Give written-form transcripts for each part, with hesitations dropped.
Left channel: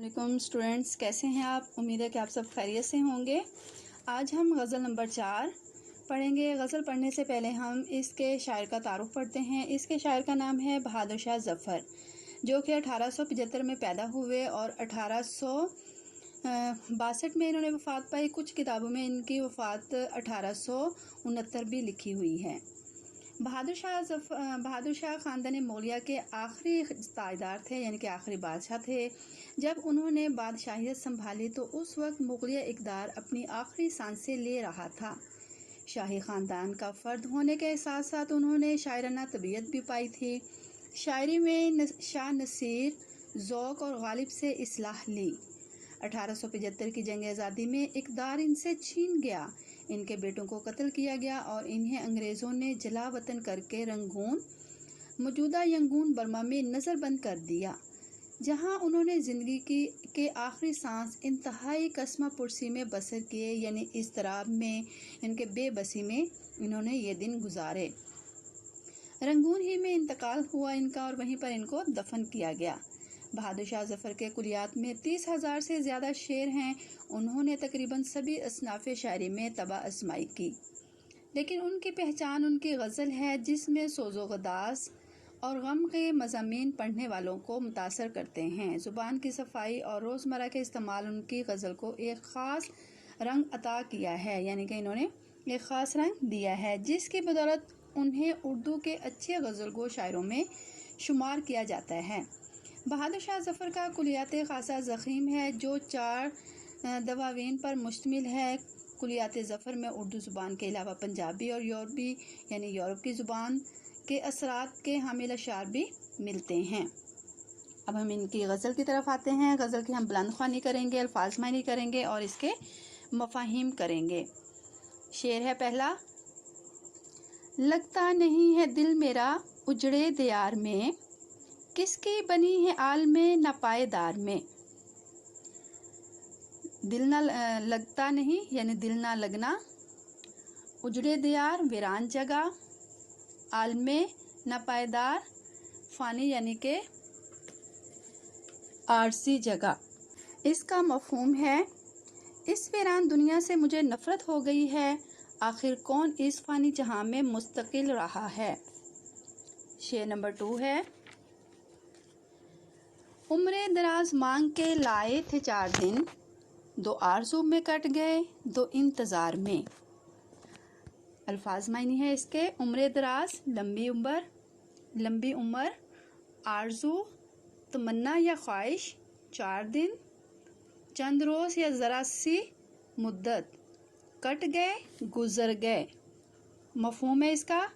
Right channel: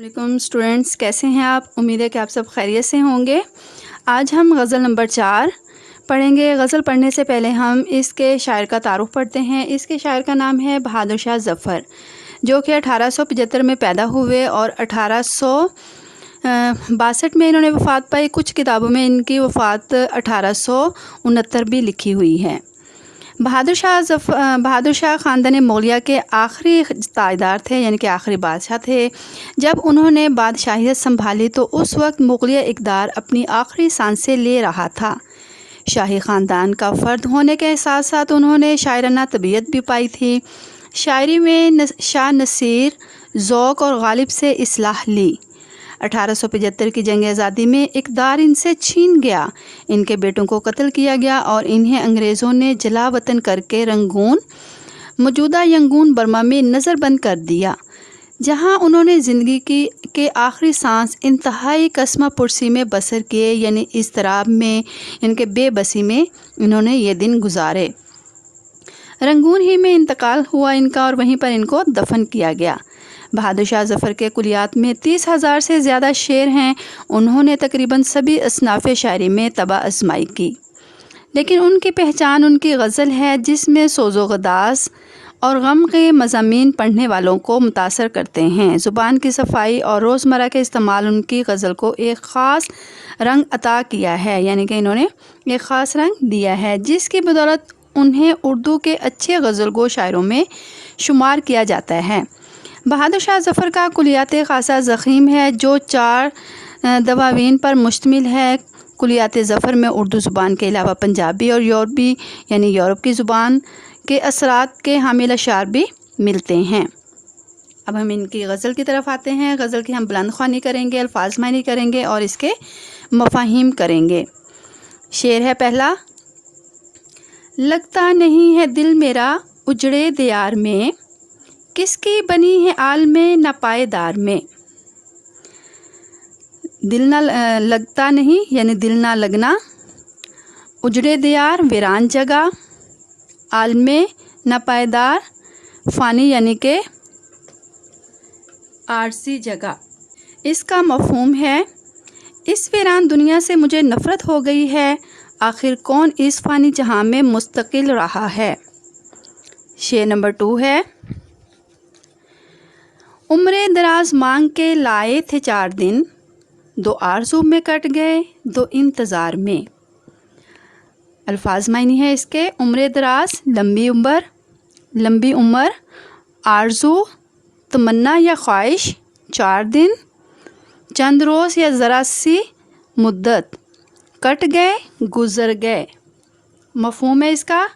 علیکم اسٹوڈینٹس، کیسے ہیں آپ؟ امید ہے کہ آپ سب خیریت سے ہوں گے۔ آج ہم غزل نمبر 4 پڑھیں گے۔ غزل پڑھنے سے پہلے ہم اس کے شاعر کا تعارف پڑھتے ہیں۔ اس کے شاعر کا نام ہے بہادر شاہ ظفر، جو کہ 1875 میں پیدا ہوئے اور 1862 میں انہوں نے وفات پائی۔ کچھ کتابوں میں ان کی وفات 1869 بھی لکھی ہوئی ہے۔ بہادر شاہ خاندان مغلیہ کے آخری تاجدار تھے، یعنی کہ آخری بادشاہ تھے۔ جب انہوں نے بادشاہیت سنبھالی تو اس وقت مغلیہ اقتدار اپنی آخری سانسیں لے رہا تھا۔ شاہی خاندان کا فرد ہونے کے ساتھ ساتھ انہوں نے شاعرانہ طبیعت بھی پائی تھی۔ شاعری میں شاہ نصیر، ذوق اور غالب سے اصلاح لی۔ 1875 کی جنگ آزادی میں اقتدار ان سے چھین گیا۔ ان کے بیٹوں کو قتل کیا گیا اور انہیں انگریزوں نے جلا وطن کر کے رنگون، موجودہ ینگون برما میں نظر بند کر دیا، جہاں انہوں نے زندگی کے آخری سانس انتہائی کسمہ پرسی میں بسر کیے، یعنی اضطراب میں، ان کے بے بسی میں انہوں نے یہ دن گزارے۔ رنگون ہی میں انتقال ہوا ان کا اور وہیں پر ان کو دفن کیا گیا۔ بہادر شاہ ظفر کے کلیات میں 30,000 سے زیادہ شعر ہیں۔ انہوں نے تقریباً سبھی اصناف شاعری میں طبع آزمائی کی، لیکن ان کی پہچان ان کی غزل ہے، جس میں سوز و گداز اور غم کے مضامین پڑھنے والوں کو متاثر کرتے ہیں۔ زبان کی صفائی اور روزمرہ کے استعمال ان کی غزل کو ایک خاص رنگ عطا کیا ہے، یعنی کہ انہوں نے ایک خاص رنگ دیا ہے، جس کی بدولت انہیں اردو کے اچھے غزل گو شاعروں میں شمار کیا جاتا ہے۔ بہادر شاہ ظفر کا کلیات خاصہ ضخیم ہے، جو 4 دواوین پر مشتمل ہے۔ کلیات ظفر میں اردو زبان کے علاوہ پنجابی اور یورپی، یعنی یورپ کی زبان کے اثرات کے حامل اشعار بھی ملتے ہیں۔ اب ہم ان کی غزل کی طرف آتے ہیں۔ غزل کی ہم بلند خوانی کریں گے، الفاظ معنی کریں گے اور اس کے مفاہیم کریں گے۔ شعر ہے پہلا: لگتا نہیں ہے دل میرا اجڑے دیار میں، کس کی بنی ہے عالم ناپائیدار میں۔ دل نہ لگتا نہیں، یعنی دل نہ لگنا، اجڑے دیار ویران جگہ، عالم ناپائیدار فانی یعنی کہ عارضی جگہ۔ اس کا مفہوم ہے: اس ویران دنیا سے مجھے نفرت ہو گئی ہے، آخر کون اس فانی جہاں میں مستقل رہا ہے۔ شعر نمبر 2 ہے: عمرِ دراز مانگ کے لائے تھے 4 دن، 2 آرزو میں کٹ گئے 2 انتظار میں۔ الفاظ معنی ہے اس کے: عمرِ دراز لمبی عمر، آرزو تمنا یا خواہش، 4 دن چند روز یا ذرا سی مدت، کٹ گئے گزر گئے۔ مفہوم ہے اس کا:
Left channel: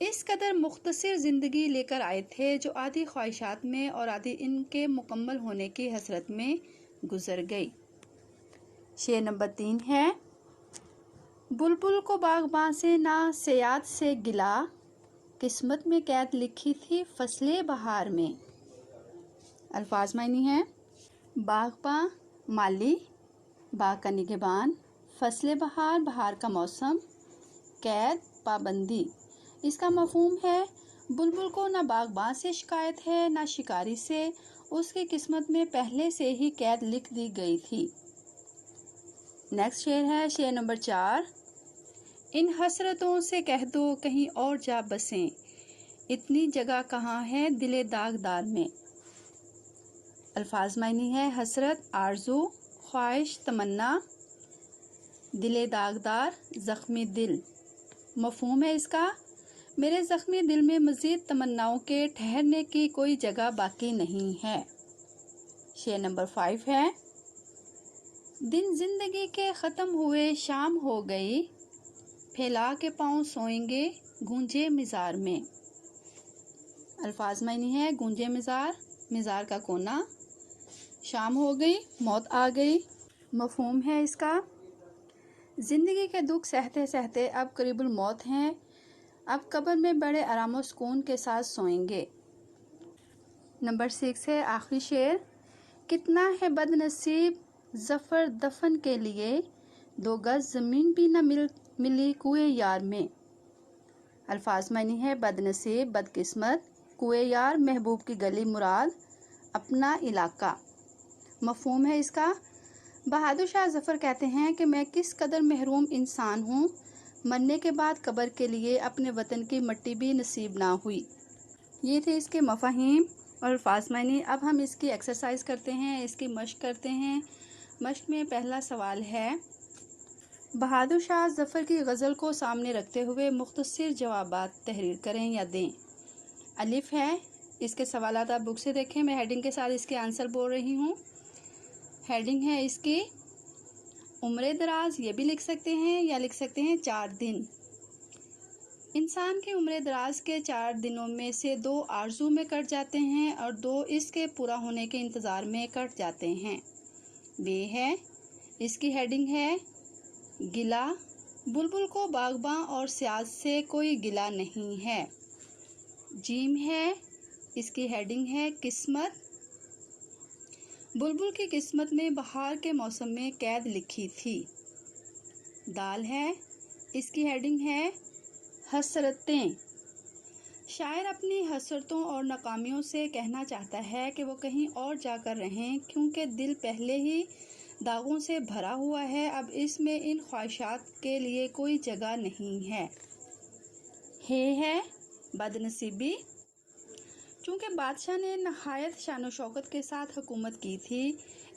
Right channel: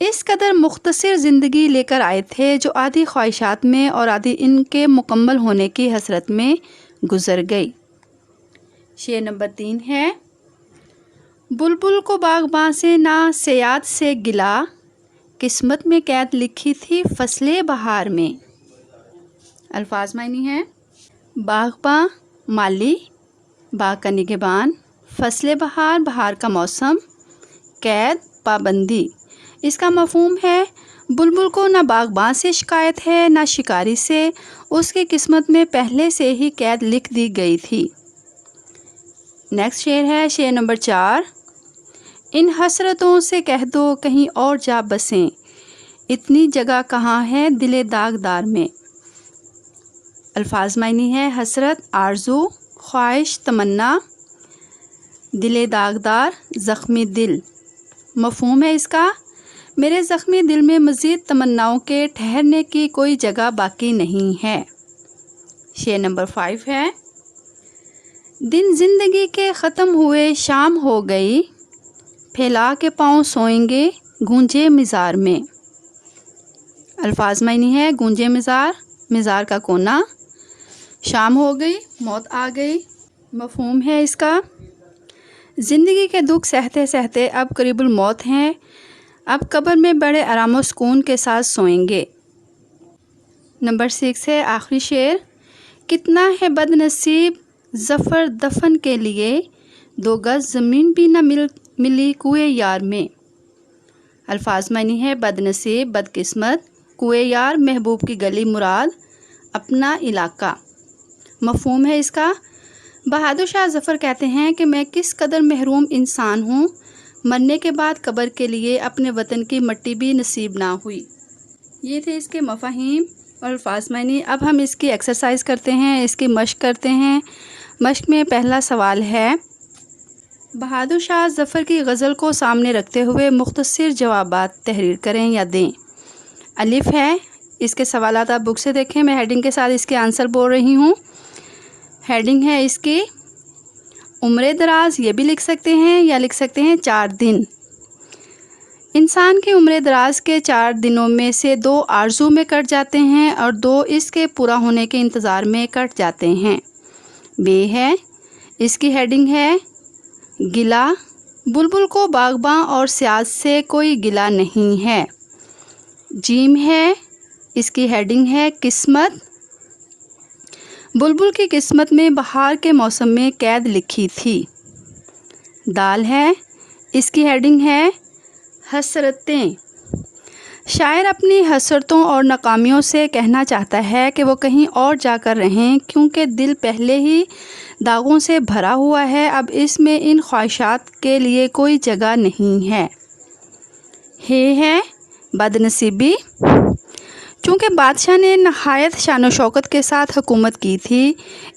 اس قدر مختصر زندگی لے کر آئے تھے جو آدھی خواہشات میں اور آدھی ان کے مکمل ہونے کی حسرت میں گزر گئی۔ شعر نمبر 3 ہے: بلبل کو باغباں سے نہ صیاد سے گلا، قسمت میں قید لکھی تھی فصل بہار میں۔ الفاظ معنی ہے: باغباں مالی، باغ کا نگہبان، فصل بہار بہار کا موسم، قید پابندی۔ اس کا مفہوم ہے: بلبل کو نہ باغباں سے شکایت ہے نہ شکاری سے، اس کی قسمت میں پہلے سے ہی قید لکھ دی گئی تھی۔ نیکسٹ شعر ہے، شعر نمبر 4: ان حسرتوں سے کہہ دو کہیں اور جا بسیں، اتنی جگہ کہاں ہے دل داغدار میں۔ الفاظ معنی ہے: حسرت آرزو، خواہش تمنا، دل داغدار زخمی دل۔ مفہوم ہے اس کا: میرے زخمی دل میں مزید تمناؤں کے ٹھہرنے کی کوئی جگہ باقی نہیں ہے۔ شعر نمبر 5 ہے: دن زندگی کے ختم ہوئے شام ہو گئی، پھیلا کے پاؤں سوئیں گے گونجے مزار میں۔ الفاظ معنی ہے: گونجے مزار کا کونا، شام ہو گئی موت آ گئی۔ مفہوم ہے اس کا: زندگی کے دکھ سہتے سہتے اب قریب الموت ہیں، اب قبر میں بڑے آرام و سکون کے ساتھ سوئیں گے۔ نمبر 6 ہے آخری شعر: کتنا ہے بد نصیب ظفر دفن کے لیے، 2 گز زمین بھی نہ ملی کوئے یار میں۔ الفاظ معنی ہے: بد نصیب بد قسمت، کوئے یار محبوب کی گلی مراد اپنا علاقہ، مفہوم ہے اس کا؟ بہادر شاہ ظفر کہتے ہیں کہ میں کس قدر محروم انسان ہوں، مرنے کے بعد قبر کے لیے اپنے وطن کی مٹی بھی نصیب نہ ہوئی۔ یہ تھے اس کے مفاہیم اور الفاظ معنی۔ اب ہم اس کی ایکسرسائز کرتے ہیں، اس کی مشق کرتے ہیں۔ مشق میں پہلا سوال ہے، بہادر شاہ ظفر کی غزل کو سامنے رکھتے ہوئے مختصر جوابات تحریر کریں یا دیں۔ الف ہے، اس کے سوالات آپ بک سے دیکھیں، میں ہیڈنگ کے ساتھ اس کے آنسر بول رہی ہوں۔ ہیڈنگ ہے اس کی عمر دراز، یہ بھی لکھ سکتے ہیں یا لکھ سکتے ہیں 4 دن۔ انسان کی عمر دراز کے 4 دنوں میں سے 2 آرزو میں کٹ جاتے ہیں اور 2 اس کے پورا ہونے کے انتظار میں کٹ جاتے ہیں۔ بے ہے، اس کی ہیڈنگ ہے گلہ، بلبل کو باغباں اور سیاض سے کوئی گلہ نہیں ہے۔ جیم ہے، اس کی ہیڈنگ ہے قسمت، بلبل کی قسمت میں بہار کے موسم میں قید لکھی تھی۔ دال ہے، اس کی ہیڈنگ ہے حسرتیں، شاعر اپنی حسرتوں اور ناکامیوں سے کہنا چاہتا ہے کہ وہ کہیں اور جا کر رہیں، کیونکہ دل پہلے ہی داغوں سے بھرا ہوا ہے، اب اس میں ان خواہشات کے لیے کوئی جگہ نہیں ہے۔ ہے بد نصیبی، چونکہ بادشاہ نے نہایت شان و شوکت کے ساتھ حکومت کی تھی،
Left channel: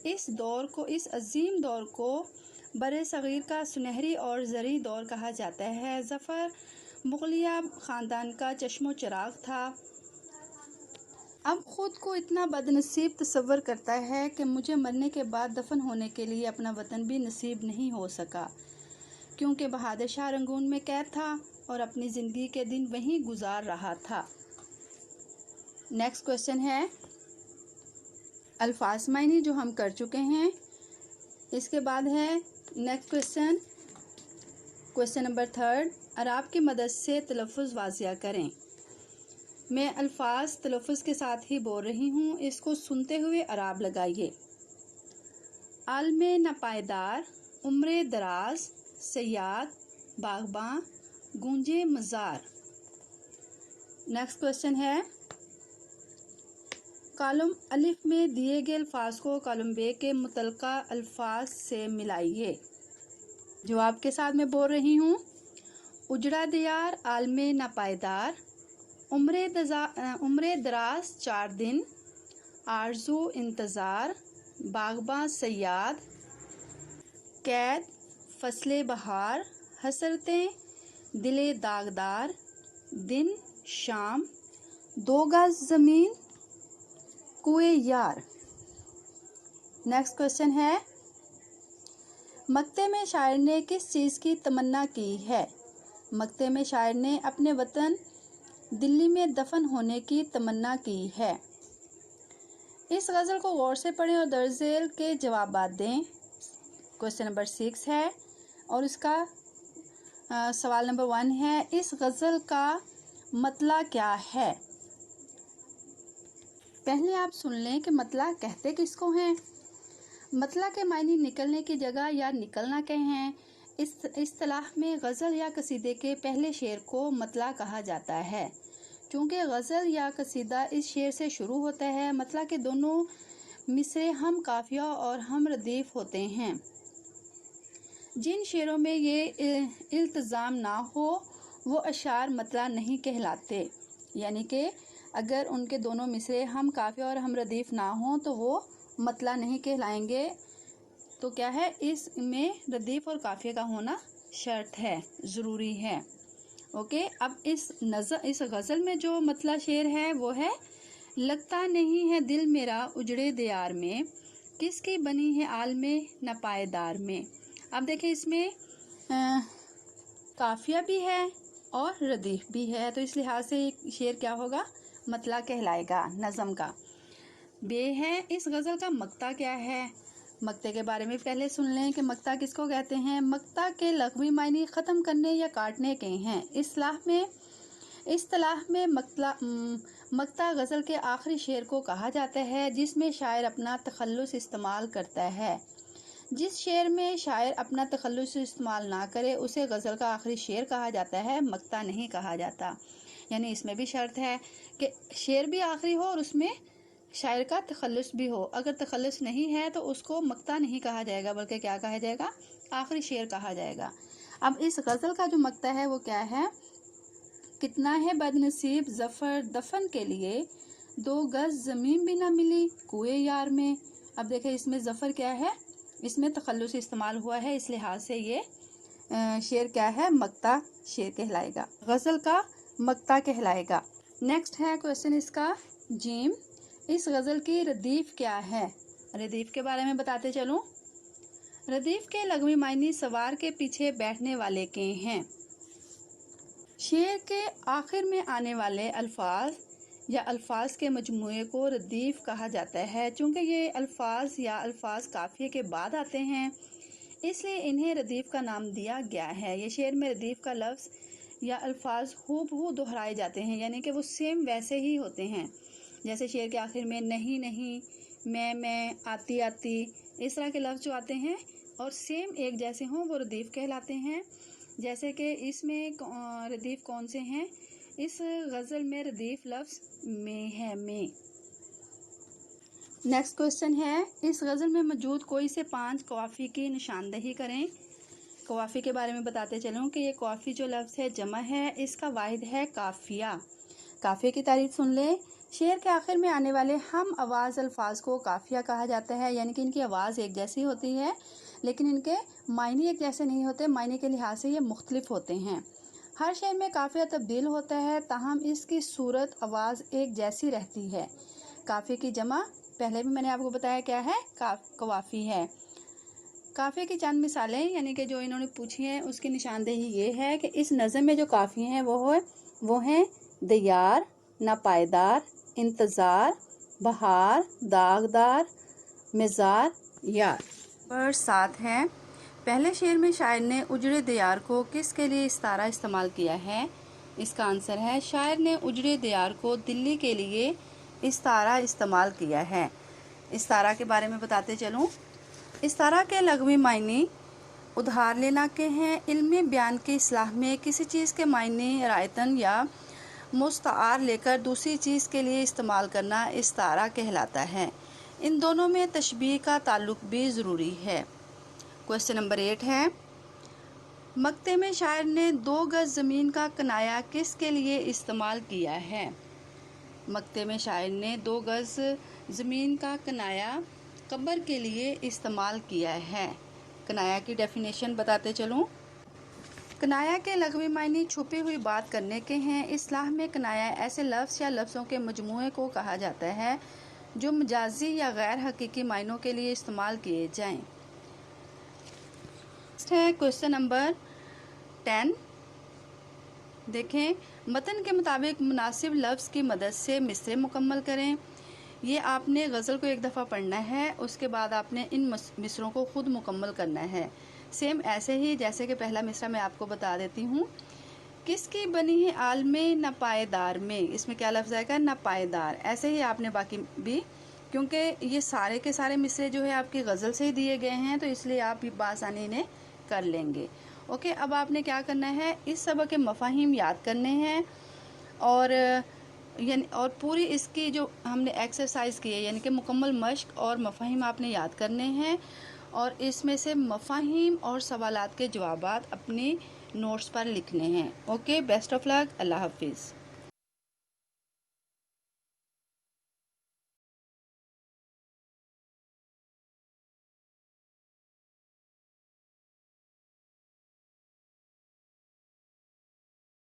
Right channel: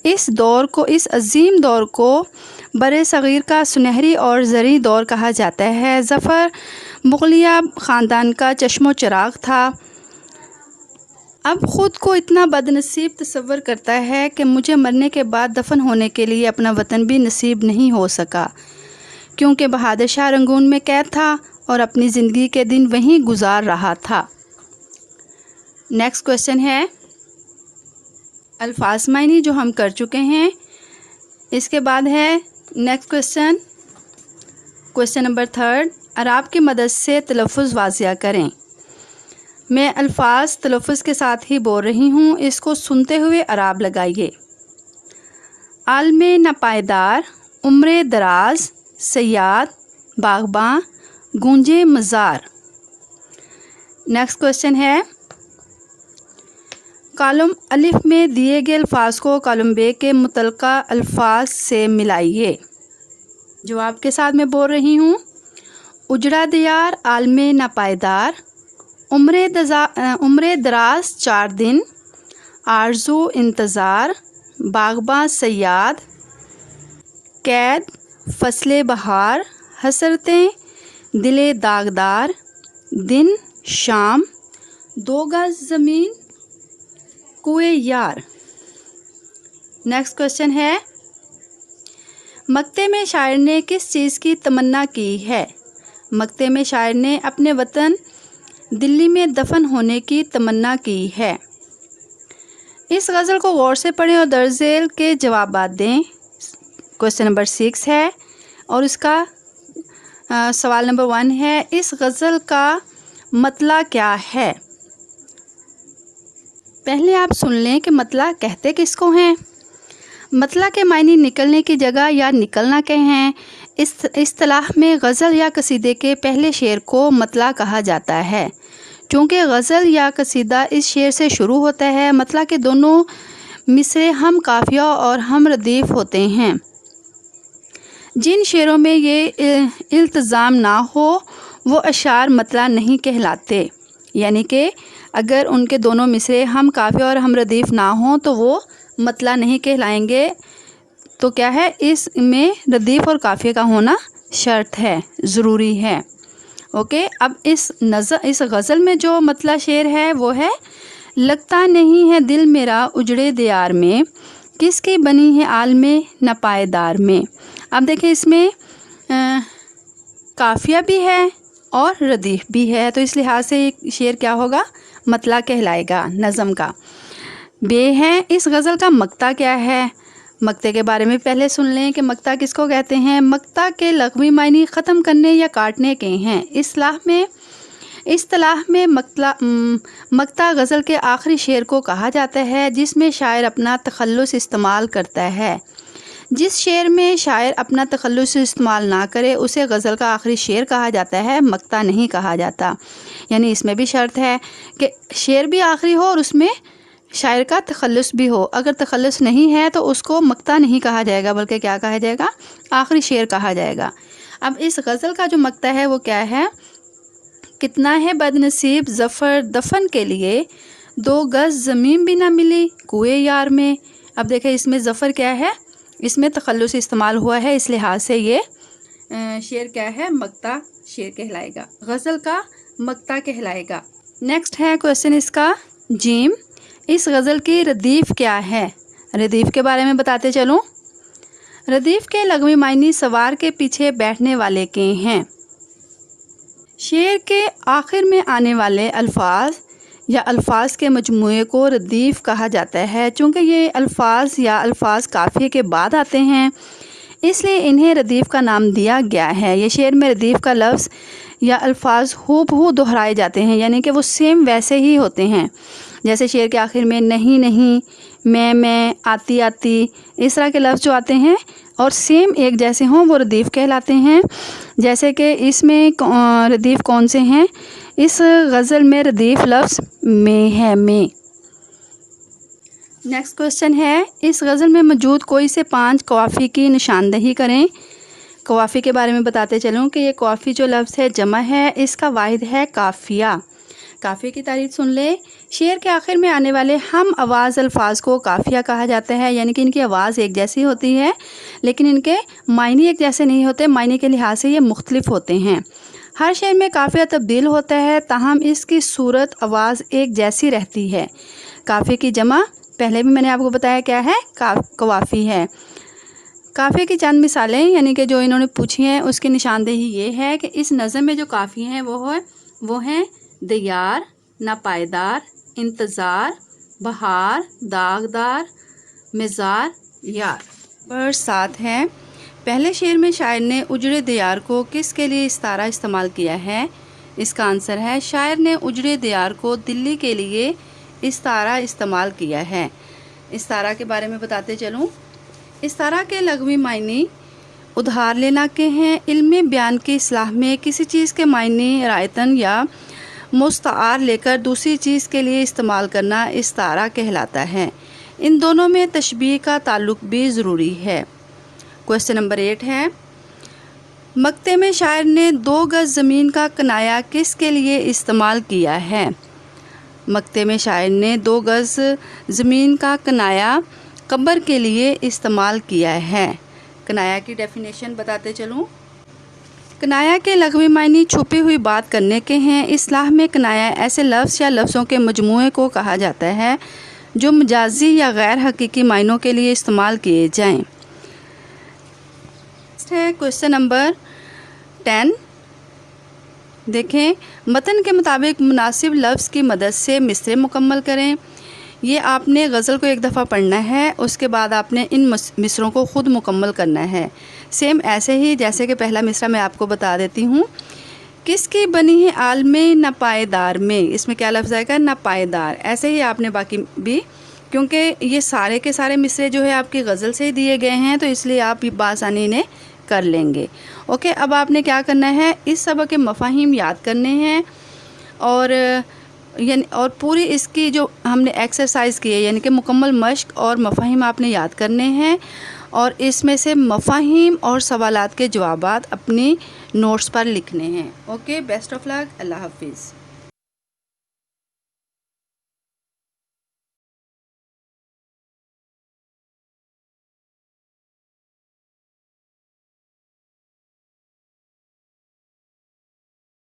اس عظیم دور کو برِ صغیر کا سنہری اور زرعی دور کہا جاتا ہے۔ ظفر مغلیہ خاندان کا چشم و چراغ تھا۔ اب خود کو اتنا بد نصیب تصور کرتا ہے کہ مجھے مرنے کے بعد دفن ہونے کے لیے اپنا وطن بھی نصیب نہیں ہو سکا، کیونکہ بہادر شاہ رنگون میں قید تھا اور اپنی زندگی کے دن وہیں گزار رہا تھا۔ نیکسٹ کویسچن ہے الفاظ معنی، جو ہم کر چکے ہیں۔ اس کے بعد ہے نیکسٹ کویسچن نمبر 3، اعراب کی مدد سے تلفظ واضح کریں۔ میں الفاظ تلفظ کے ساتھ ہی بول رہی ہوں، اس کو سنتے ہوئے اعراب لگائیے۔ عالم ناپائیدار، عمر دراز، صیاد، باغباں، گونجے مزار۔ نیکسٹ کویسچن ہے کالم الف میں دیے گئے الفاظ کو کالم ب کے متعلقہ الفاظ سے ملائیے۔ جواب کے ساتھ میں بول رہی ہوں، اجڑا دیار، عالم ناپائیدار، عمر دراز 4 دن، آرزو انتظار، باغباں صیاد، قید فصل بہار، حسرتیں دل داغدار، دن شام، 2 گز زمین، کوئے یار۔ نیکسٹ کویسچن ہے مقطع میں شاعر نے کس چیز کی تمنا کی ہے؟ مقطع میں شاعر نے اپنے وطن دلی میں دفن ہونے کی تمنا کی ہے۔ اس غزل کو غور سے پڑھیں اور درج ذیل کے جوابات دیں۔ کویسچن نمبر 6 ہے اور اس کا سوال نمبر 1 ہے، اس غزل کا مطلع کیا ہے؟ پہلے آپ سن لیں کہ مطلع کہتے کس کو ہیں۔ مطلع کے معنی نکلنے کی جگہ یا نکلنا کے ہیں۔ اس اصطلاح میں غزل یا قصیدے کے پہلے شعر کو مطلع کہا جاتا ہے۔ چونکہ غزل یا قصیدہ اس شعر سے شروع ہوتا ہے، مطلع کے دونوں مصرے ہم قافیہ اور ہم ردیف ہوتے ہیں۔ جن شعروں میں یہ التزام نہ ہو وہ اشعار مطلع نہیں کہلاتے، یعنی کہ اگر ان کے دونوں مصرے ہم قافیہ اور ہم ردیف نہ ہوں تو وہ مطلع نہیں کہلائیں گے۔ تو کیا ہے، اس میں ردیف اور قافیہ کا ہونا شرط ہے، ضروری ہے۔ اوکے، اب اس غزل میں جو مطلع شعر ہے وہ ہے، لگتا نہیں ہے دل میرا اجڑے دیار میں، کس کی بنی ہے عالم ناپائیدار میں۔ اب دیکھیں اس میں قافیہ بھی ہے اور ردیف بھی ہے، تو اس لحاظ سے یہ شعر کیا ہوگا، مطلع کہلائے گا نظم کا۔ بے ہے، اس غزل کا مقطع کیا ہے؟ مقطع کے بارے میں پہلے سن لیں کہ مقطع کس کو کہتے ہیں۔ مقطع کے لغوی معنی ختم کرنے یا کاٹنے کے ہیں۔ اصطلاح میں مقطع غزل کے آخری شعر کو کہا جاتا ہے جس میں شاعر اپنا تخلص استعمال کرتا ہے۔ جس شعر میں شاعر اپنا تخلص استعمال نہ کرے اسے غزل کا آخری شعر کہا جاتا ہے، مقطع نہیں کہا جاتا۔ یعنی اس میں بھی شرط ہے کہ شعر بھی آخری ہو اور اس میں شاعر کا تخلص بھی ہو. اگر تخلص نہیں ہے تو اس کو مقطع نہیں کہا جائے گا بلکہ کیا کہا جائے گا؟ آخری شعر کہا جائے گا. اب اس غزل کا جو مقطع ہے وہ کیا ہے؟ کتنا ہے بد نصیب ظفر دفن کے لیے 2 گز زمین بھی نہ ملی کوئے یار میں. اب دیکھیں اس میں ظفر کیا ہے؟ اس میں تخلص استعمال ہوا ہے، اس لحاظ سے یہ شعر کیا ہے؟ مقطع شعر کہلائے گا، غزل کا مقطع کہلائے گا. نیکسٹ ہے کویسچن اس کا جیم. اس غزل کی ردیف کیا ہے؟ ردیف کے بارے میں بتاتے چلوں. ردیف کے لغوی معنی سوار کے پیچھے بیٹھنے والے کے ہیں. شعر کے آخر میں آنے والے الفاظ یا الفاظ کے مجموعے کو ردیف کہا جاتا ہے. چونکہ یہ الفاظ یا الفاظ قافیے کے بعد آتے ہیں اس لیے انہیں ردیف کا نام دیا گیا ہے. یہ شعر میں ردیف کا لفظ یا الفاظ ہو بہو دہرائے جاتے ہیں، یعنی کہ وہ سیم ویسے ہی ہوتے ہیں. جیسے شعر کے آخر میں نہیں نہیں، میں، آتی آتی، اس طرح کے لفظ جو آتے ہیں اور سیم ایک جیسے ہوں وہ ردیف کہلاتے ہیں. جیسے کہ اس میں ردیف کون سے ہیں؟ اس غزل میں ردیف لفظ میں ہے، میں. نیکسٹ کویسچن ہے اس غزل میں موجود کوئی سے 5 قوافی کی نشاندہی کریں. قوافی کے بارے میں بتاتے چلوں کہ یہ قوافی جو لفظ ہے جمع ہے، اس کا واحد ہے قافیہ. قافیے کی تعریف سن لے. شعر کے آخر میں آنے والے ہم آواز الفاظ کو قافیہ کہا جاتا ہے، یعنی کہ ان کی آواز ایک جیسی ہوتی ہے لیکن ان کے معنی ایک جیسے نہیں ہوتے، معنی کے لحاظ سے یہ مختلف ہوتے ہیں. ہر شعر میں قافیہ تبدیل ہوتا ہے تاہم اس کی صورت آواز ایک جیسی رہتی ہے. قافیے کی جمع پہلے بھی میں نے آپ کو بتایا کیا ہے؟ قوافی ہے. قافیے کی چند مثالیں یعنی کہ جو انہوں نے پوچھی ہیں اس کی نشاندہی یہ ہے کہ اس نظم میں جو قافیے ہیں وہ ہیں دیار، ناپائیدار، انتظار، بہار، داغدار، مزار، یار. نمبر 7 ہے پہلے شعر میں شاعر نے اجڑے دیار کو کس کے لیے استعارہ استعمال کیا ہے؟ اس کا آنسر ہے شاعر نے اجڑے دیار کو دلی کے لیے استعارہ استعمال کیا ہے. استعارہ کے بارے میں بتاتے چلوں. استعارہ کے لغوی معنی ادھار لینا کے ہیں. علم بیان کی اصطلاح میں کسی چیز کے معنی رعایتاً یا مستعار لے کر دوسری چیز کے لیے استعمال کرنا استعارہ کہلاتا ہے. ان دونوں میں تشبیہ کا تعلق بھی ضروری ہے. کویسچن نمبر 8 ہے مقطع میں شاعر نے 2 گز زمین کا کنایا کس کے لیے استعمال کیا ہے؟ مقطع میں شاعر نے 2 گز زمین کا کنایا قبر کے لیے استعمال کیا ہے. کنایا کی ڈیفینیشن بتاتے چلوں. کنایا کے لغوی معنی چھپی ہوئی بات کرنے کے ہیں. اصطلاح میں کنایا ایسے لفظ یا لفظوں کے مجموعے کو کہا جاتا ہے جو مجازی یا غیر حقیقی معنوں کے لیے استعمال کیے جائیں. کویسچن نمبر 10 دیکھیں متن کے مطابق مناسب لفظ کی مدد سے مصرع مکمل کریں. یہ آپ نے غزل کو ایک دفعہ پڑھنا ہے، اس کے بعد آپ نے ان مصروں کو خود مکمل کرنا ہے. سیم ایسے ہی جیسے کہ پہلا مصرع میں آپ کو بتا دیتی ہوں. کس کی بنی ہے عالم ناپائیدار میں، اس میں کیا لفظ آئے گا؟ ناپائیدار. ایسے ہی آپ نے باقی بھی، کیونکہ یہ سارے کے سارے مصرے جو ہے آپ کی غزل سے ہی دیے گئے ہیں تو اس لیے آپ بآسانی انہیں کر لیں گے. اوکے، اب آپ نے کیا کرنا ہے؟ اس سبق کے مفاہیم یاد کرنے ہیں اور پوری اس کی جو ہم نے ایکسرسائز کی ہے یعنی کہ مکمل مشق اور مفاہیم آپ نے یاد کرنے ہیں اور اس میں سے مفاہیم اور سوالات کے جوابات اپنی نوٹس پر لکھنے ہیں. اوکے، بیسٹ آف لک. اللہ حافظ.